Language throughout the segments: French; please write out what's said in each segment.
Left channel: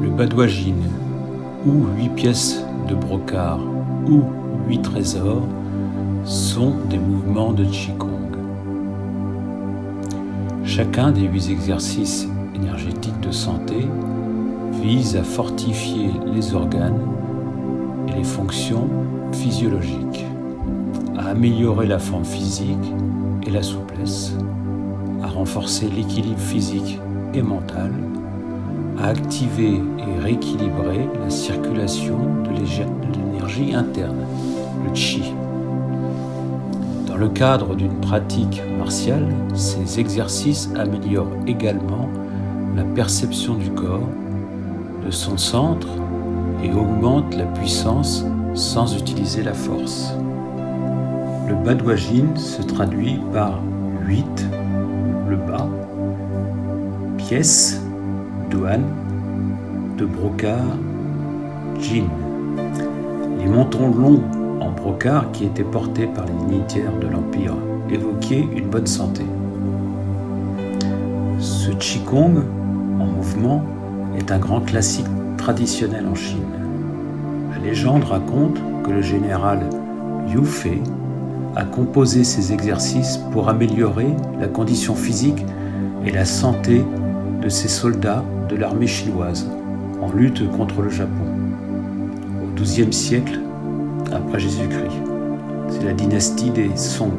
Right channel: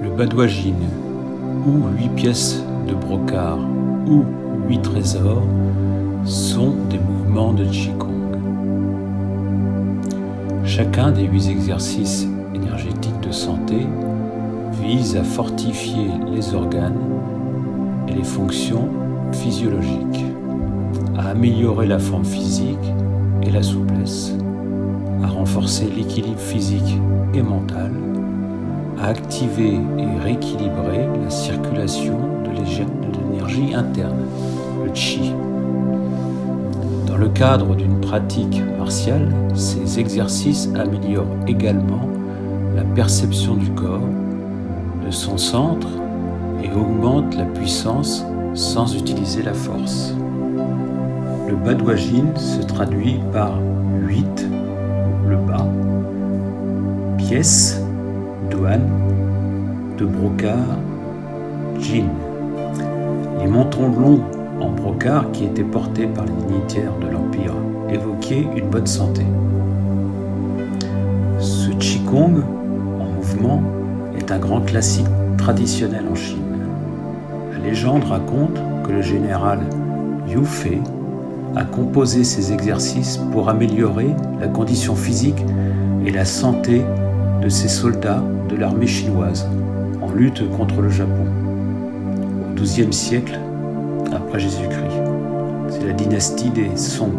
Le badwajin, ou 8 pièces de brocart, ou 8 trésors, sont des mouvements de Qigong. Chacun des 8 exercices énergétiques de santé vise à fortifier les organes et les fonctions physiologiques, à améliorer la forme physique et la souplesse, à renforcer l'équilibre physique et mental, à activer et rééquilibrer la circulation de l'énergie interne, le Qi. Dans le cadre d'une pratique martiale, ces exercices améliorent également la perception du corps, de son centre et augmentent la puissance sans utiliser la force. Le badwajin se traduit par 8, le bas, pièces, douane, de brocart, jin. Les mentons longs en brocart qui étaient portés par les dignitaires de l'Empire évoquaient une bonne santé. Ce Qigong en mouvement est un grand classique traditionnel en Chine. La légende raconte que le général Yu Fei a composé ces exercices pour améliorer la condition physique et la santé de ses soldats de l'armée chinoise en lutte contre le Japon au XIIe siècle après Jésus-Christ. C'est la dynastie des Song,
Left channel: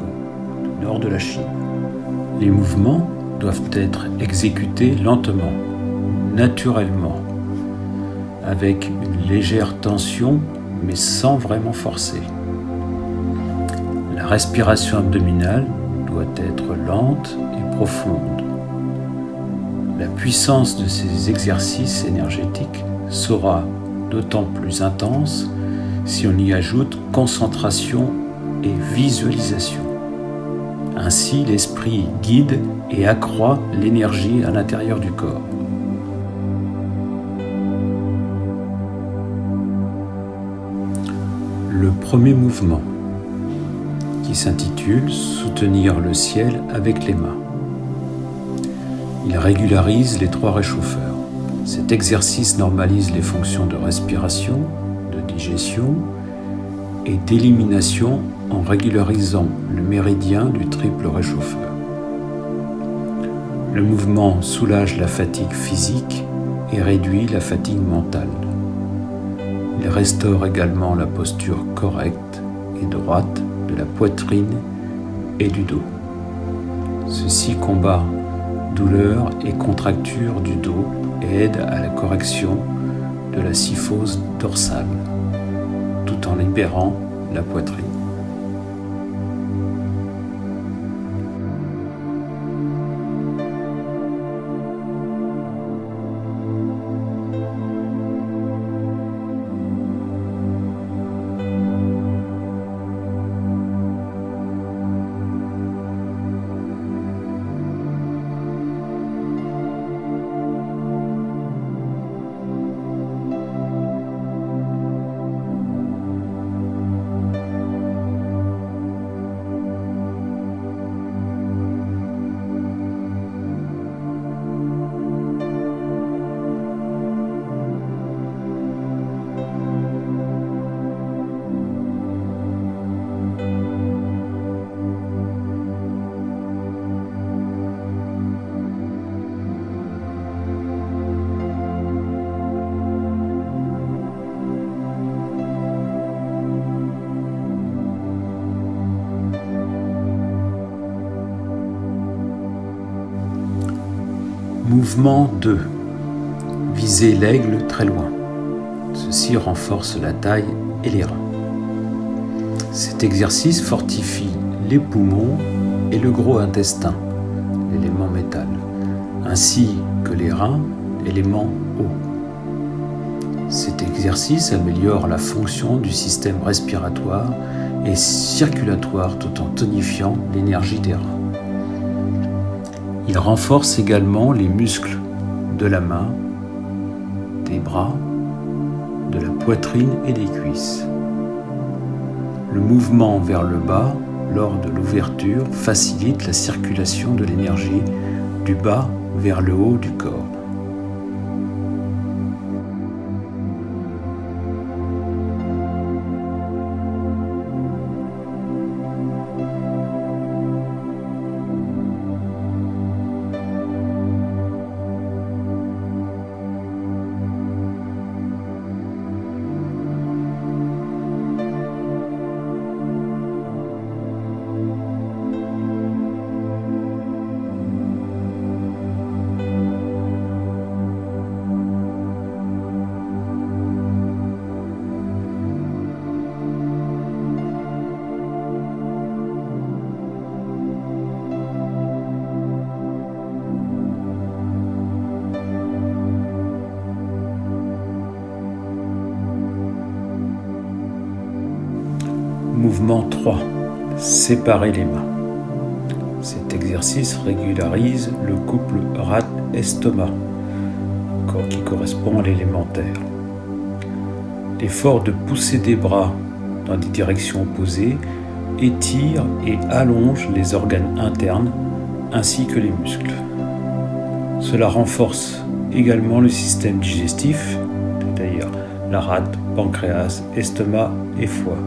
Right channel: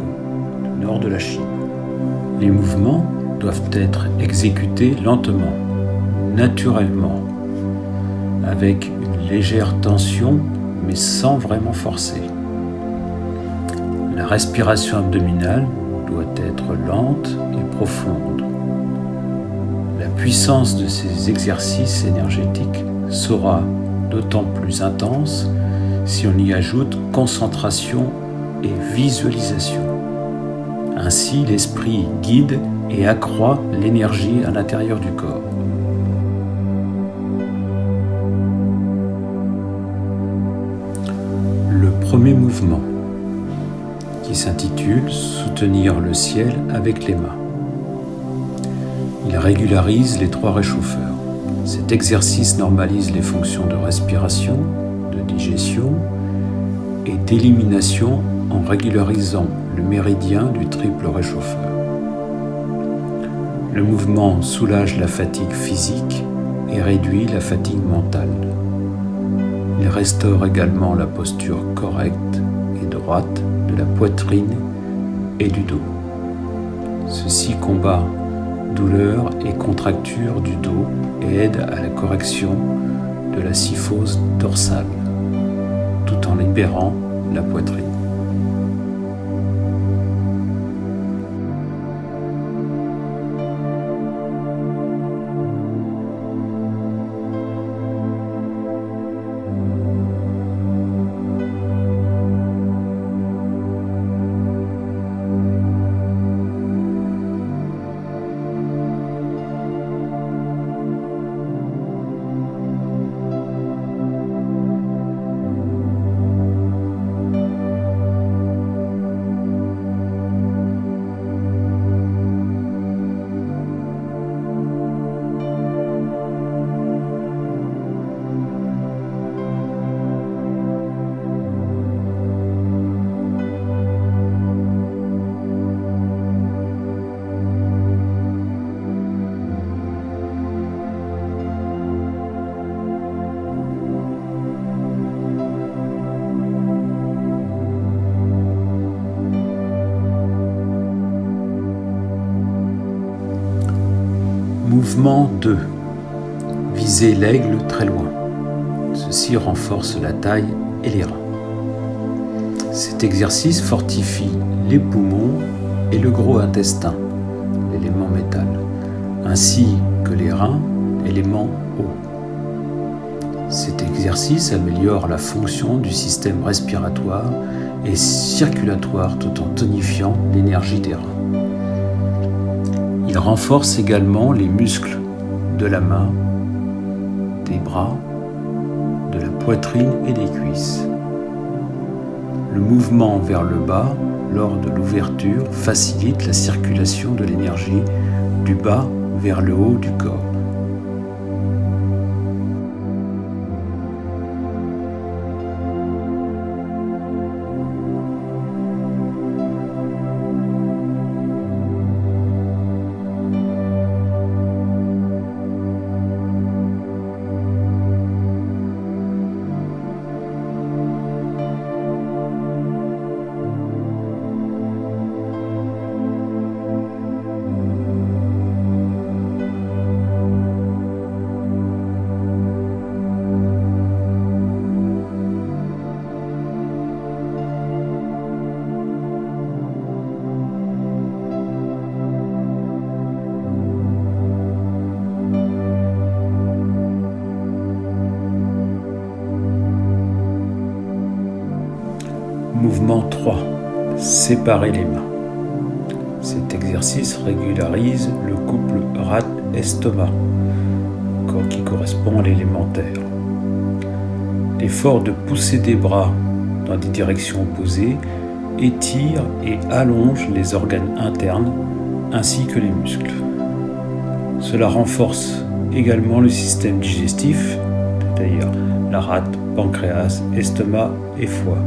du nord de la Chine. Les mouvements doivent être exécutés lentement, naturellement, avec une légère tension mais sans vraiment forcer. La respiration abdominale doit être lente et profonde. La puissance de ces exercices énergétiques sera d'autant plus intense si on y ajoute concentration et visualisation. Ainsi, l'esprit guide et accroît l'énergie à l'intérieur du corps. Le premier mouvement, qui s'intitule « Soutenir le ciel avec les mains ». Il régularise les 3 réchauffeurs. Cet exercice normalise les fonctions de respiration, de digestion et d'élimination en régularisant le méridien du triple réchauffeur. Le mouvement soulage la fatigue physique et réduit la fatigue mentale. Il restaure également la posture correcte et droite de la poitrine et du dos. Ceci combat douleur et contracture du dos et aide à la correction de la syphose dorsale, tout en libérant la poitrine. Mouvement 2. Viser l'aigle très loin. Ceci renforce la taille et les reins. Cet exercice fortifie les poumons et le gros intestin, l'élément métal, ainsi que les reins, élément eau. Cet exercice améliore la fonction du système respiratoire et circulatoire tout en tonifiant l'énergie des reins. Il renforce également les muscles de la main, des bras, de la poitrine et des cuisses. Le mouvement vers le bas lors de l'ouverture facilite la circulation de l'énergie du bas vers le haut du corps. Mouvement 3. Séparer les mains. Cet exercice régularise le couple rate-estomac, qui correspond à l'élémentaire. L'effort de pousser des bras dans des directions opposées étire et allonge les organes internes ainsi que les muscles. Cela renforce également le système digestif, c'est-à-dire la rate, pancréas, estomac et foie,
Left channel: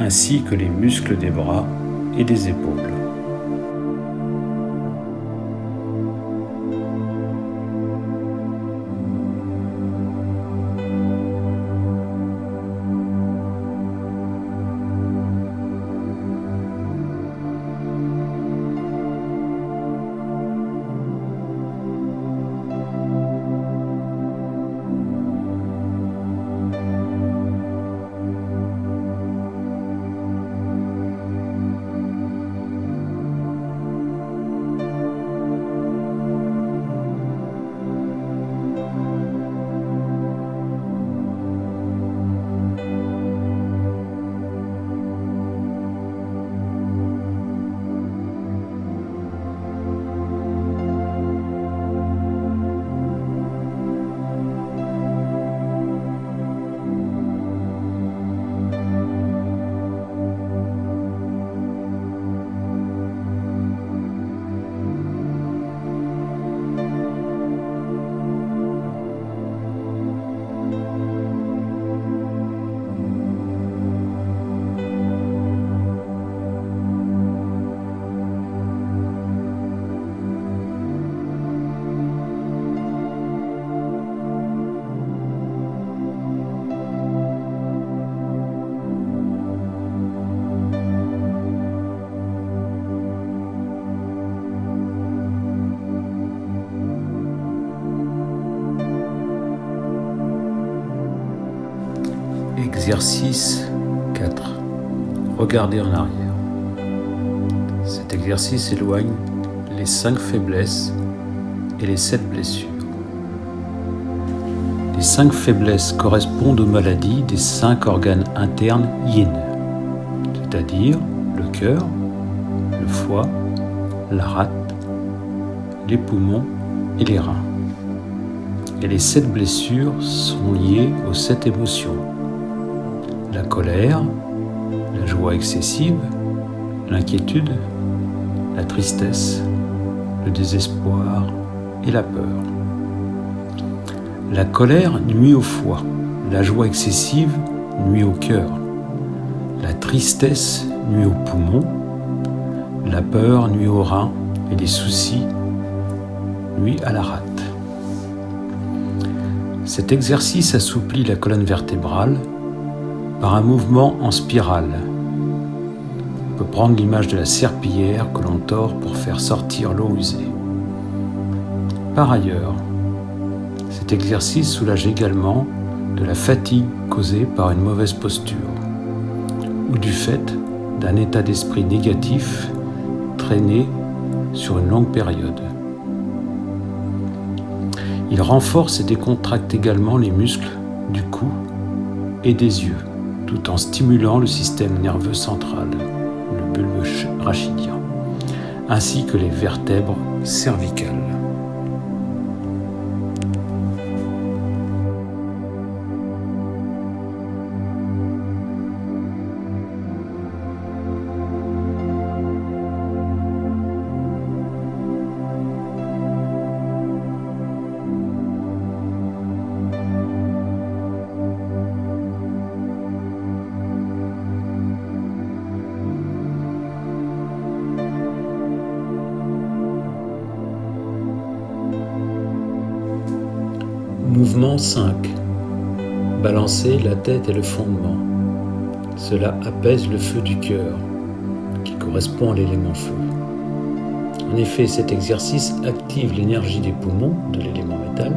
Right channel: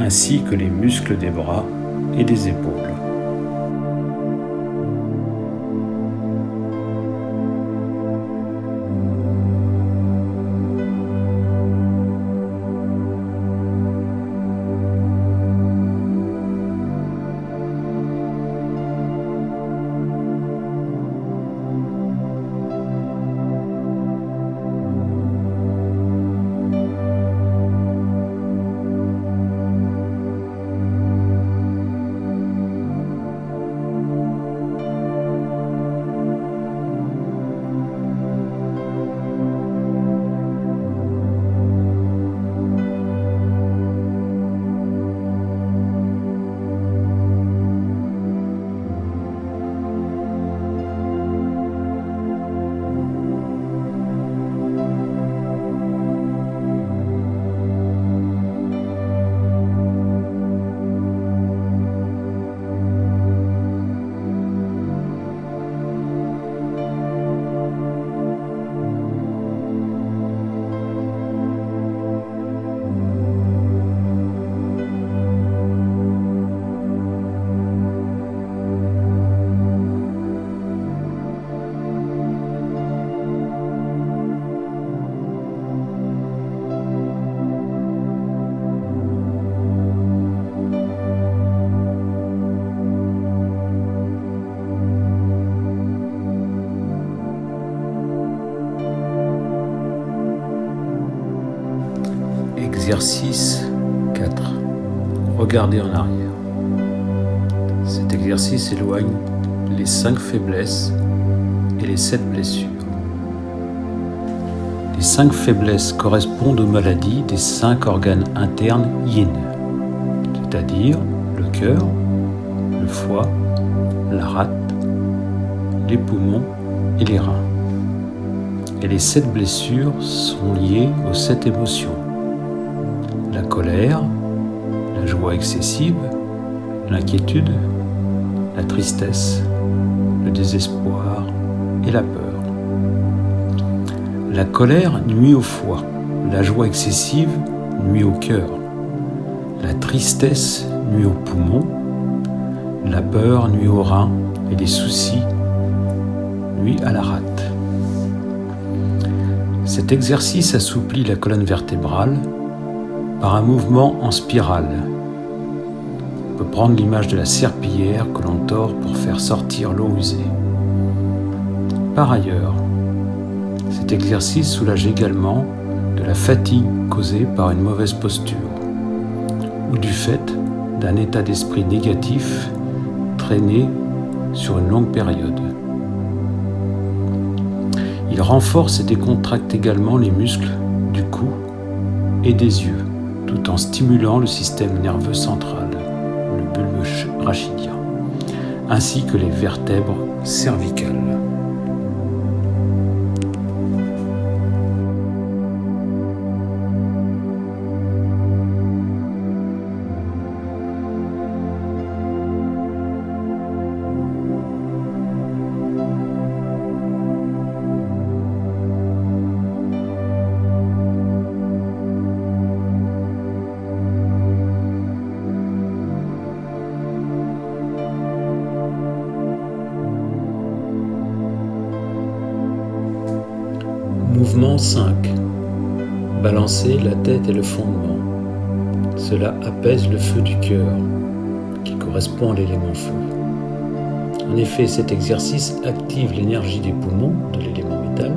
ainsi que les muscles des bras et des épaules. Exercice 4. Regardez en arrière. Cet exercice éloigne les 5 faiblesses et les 7 blessures. Les 5 faiblesses correspondent aux maladies des 5 organes internes yin, c'est-à-dire le cœur, le foie, la rate, les poumons et les reins. Et les 7 blessures sont liées aux 7 émotions. La colère, la joie excessive, l'inquiétude, la tristesse, le désespoir et la peur. La colère nuit au foie, la joie excessive nuit au cœur, la tristesse nuit aux poumons, la peur nuit aux reins et les soucis nuit à la rate. Cet exercice assouplit la colonne vertébrale par un mouvement en spirale. On peut prendre l'image de la serpillière que l'on tord pour faire sortir l'eau usée. Par ailleurs, cet exercice soulage également de la fatigue causée par une mauvaise posture ou du fait d'un état d'esprit négatif traîné sur une longue période. Il renforce et décontracte également les muscles du cou et des yeux, tout en stimulant le système nerveux central, le bulbe rachidien, ainsi que les vertèbres cervicales. Mouvement 5. Balancer la tête et le fondement. Cela apaise le feu du cœur, qui correspond à l'élément feu. En effet, cet exercice active l'énergie des poumons, de l'élément métal,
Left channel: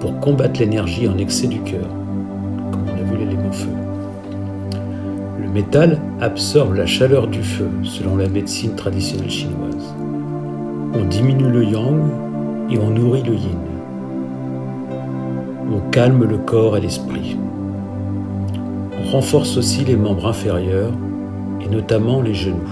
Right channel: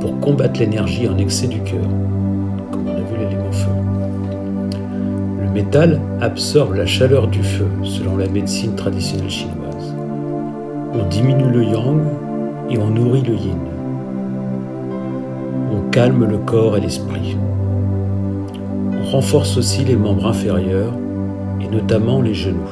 pour combattre l'énergie en excès du cœur, comme on a vu l'élément feu. Le métal absorbe la chaleur du feu, selon la médecine traditionnelle chinoise. On diminue le yang et on nourrit le yin. On calme le corps et l'esprit. On renforce aussi les membres inférieurs et notamment les genoux.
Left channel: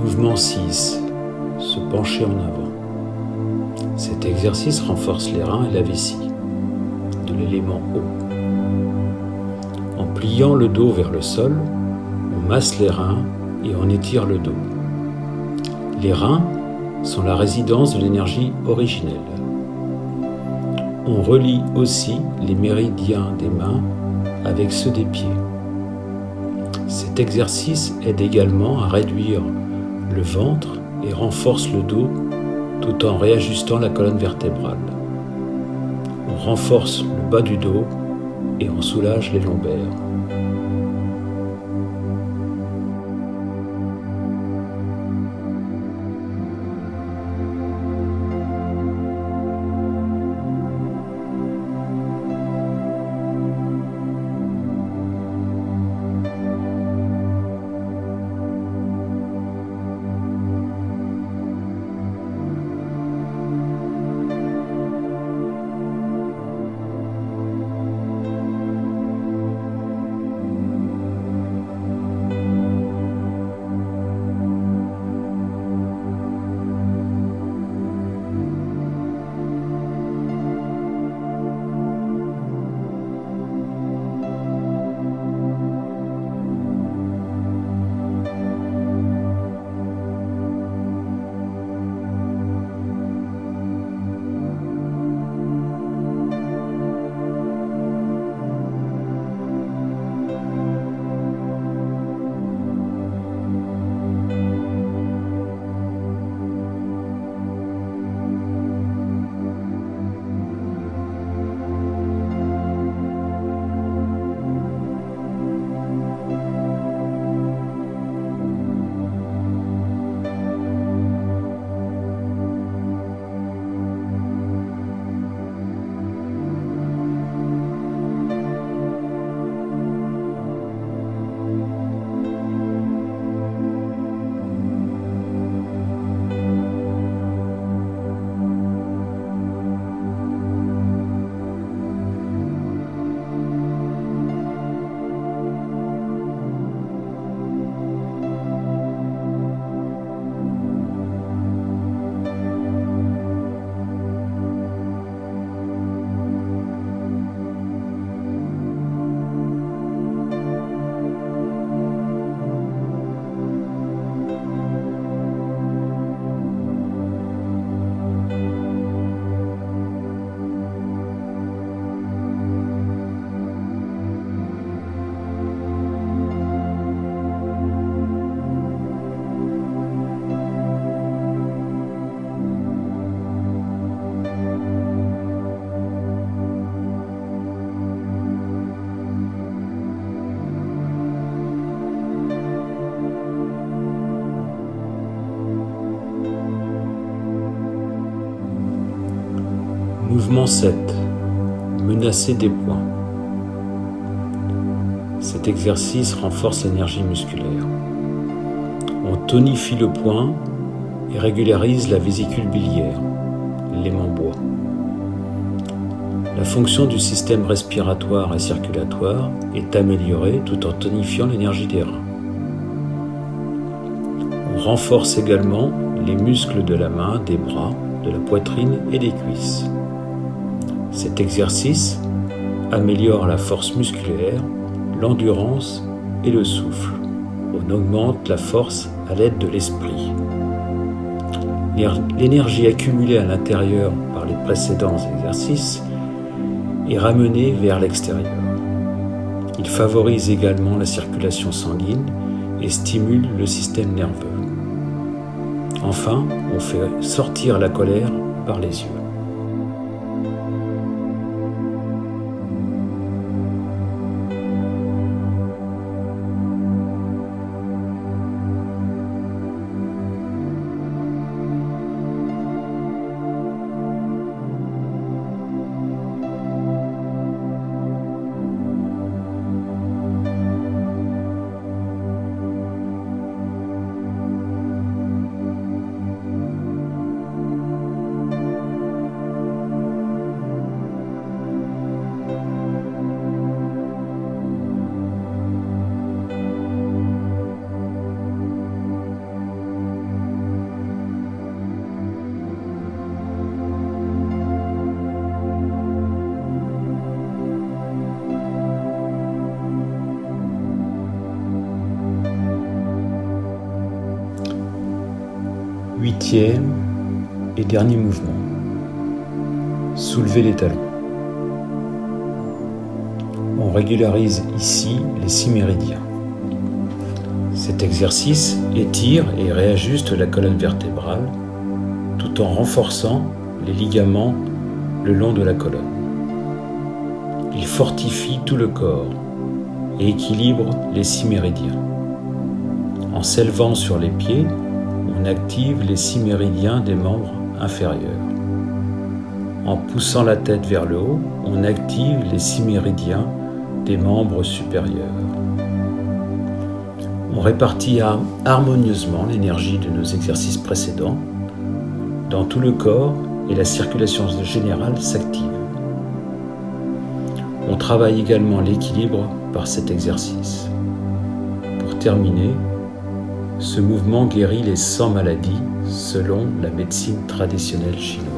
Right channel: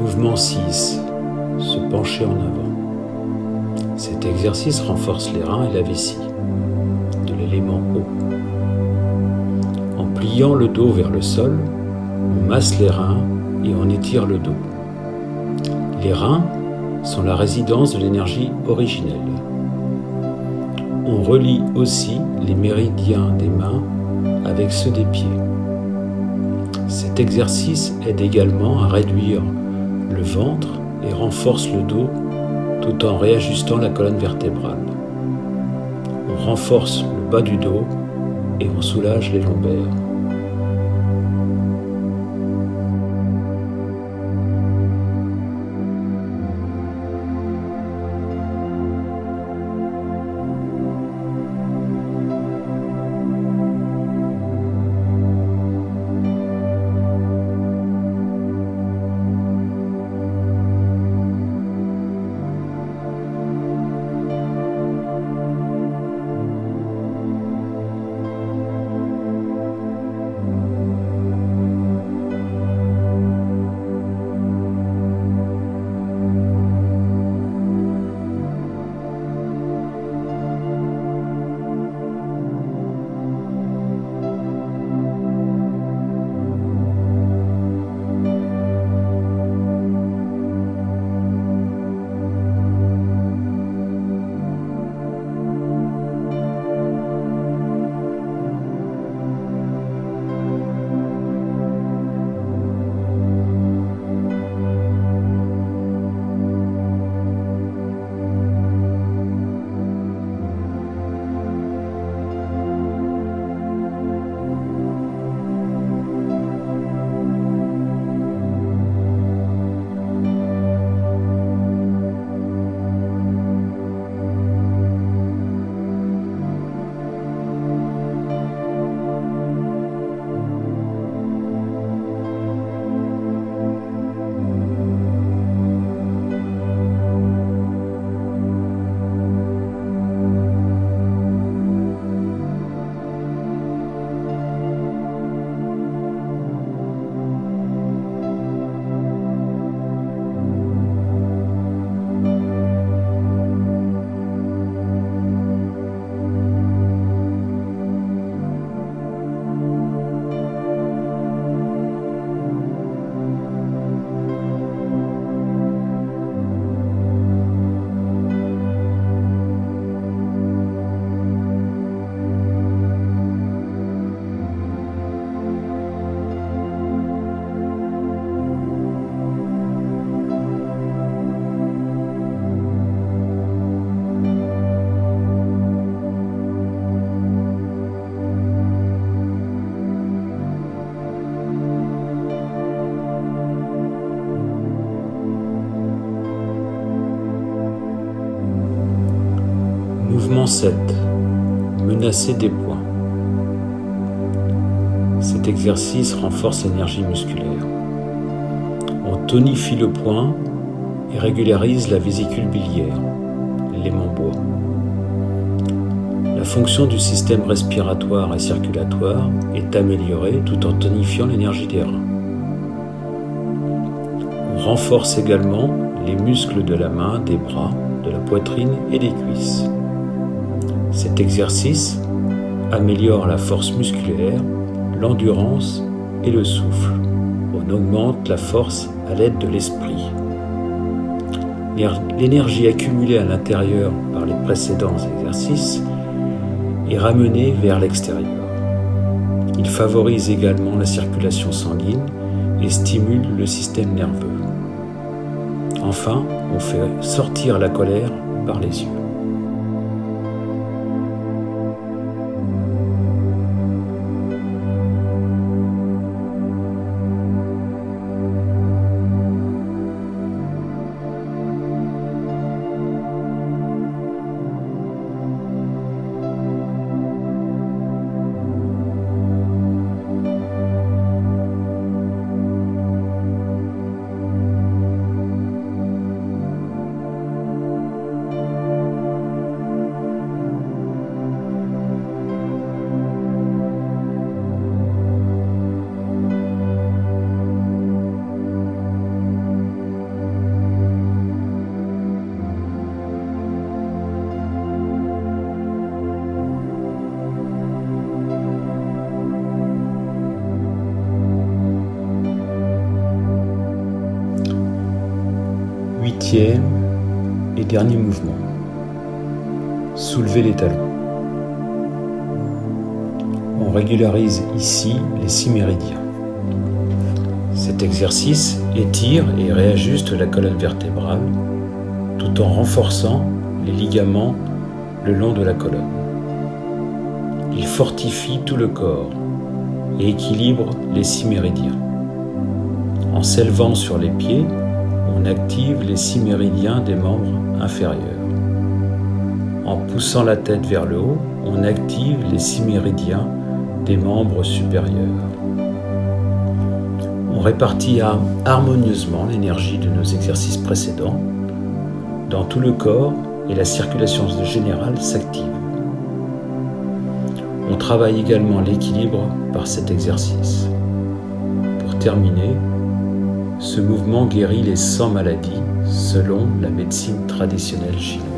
Mouvement 6. Se pencher en avant. Cet exercice renforce les reins et la vessie, de l'élément eau. En pliant le dos vers le sol, on masse les reins et on étire le dos. Les reins sont la résidence de l'énergie originelle. On relie aussi les méridiens des mains avec ceux des pieds. Cet exercice aide également à réduire le ventre et renforce le dos tout en réajustant la colonne vertébrale. On renforce le bas du dos et on soulage les lombaires. Mouvement 7. Menacer des poings. Cet exercice renforce l'énergie musculaire. On tonifie le poing et régularise la vésicule biliaire, l'élément bois. La fonction du système respiratoire et circulatoire est améliorée tout en tonifiant l'énergie des reins. On renforce également les muscles de la main, des bras, de la poitrine et des cuisses. Cet exercice améliore la force musculaire, l'endurance et le souffle. On augmente la force à l'aide de l'esprit. L'énergie accumulée à l'intérieur par les précédents exercices est ramenée vers l'extérieur. Il favorise également la circulation sanguine et stimule le système nerveux. Enfin, on fait sortir la colère par les yeux. Huitième et dernier mouvement. Soulevez les talons. On régularise ici les 6 méridiens. Cet exercice étire et réajuste la colonne vertébrale tout en renforçant les ligaments le long de la colonne. Il fortifie tout le corps et équilibre les 6 méridiens. En s'élevant sur les pieds, on active les 6 méridiens des membres inférieurs. En poussant la tête vers le haut, on active les 6 méridiens des membres supérieurs. On répartit harmonieusement l'énergie de nos exercices précédents dans tout le corps et la circulation générale s'active. On travaille également l'équilibre par cet exercice. Pour terminer, ce mouvement guérit les 100 maladies selon la médecine traditionnelle chinoise.